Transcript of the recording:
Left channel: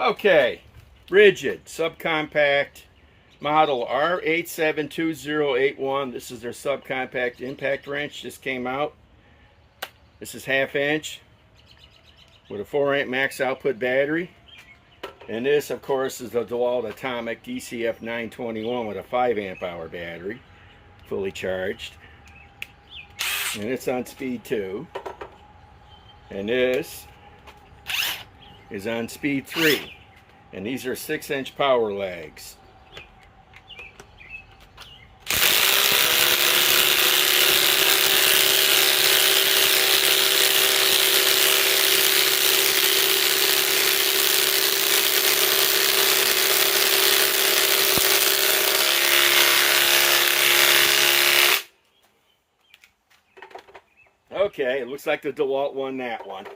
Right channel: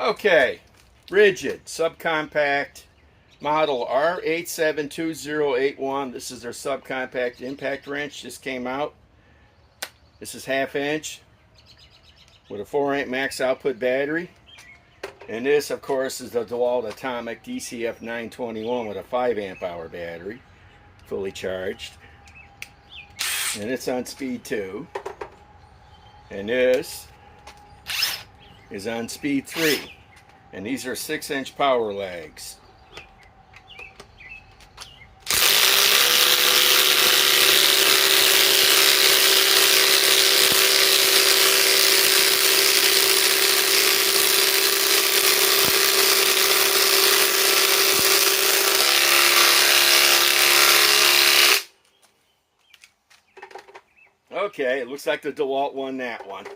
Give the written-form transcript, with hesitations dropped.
Okay, RIDGID subcompact model R872081. This is their subcompact impact wrench. Just came out. This is 1/2 inch with a 4 amp max output battery. And this, of course, is the DEWALT Atomic DCF 921 with a 5 amp hour battery, fully charged. And it's on speed 2. And this is on speed 3. And these are 6-inch power legs. Okay, it looks like the DEWALT won that one.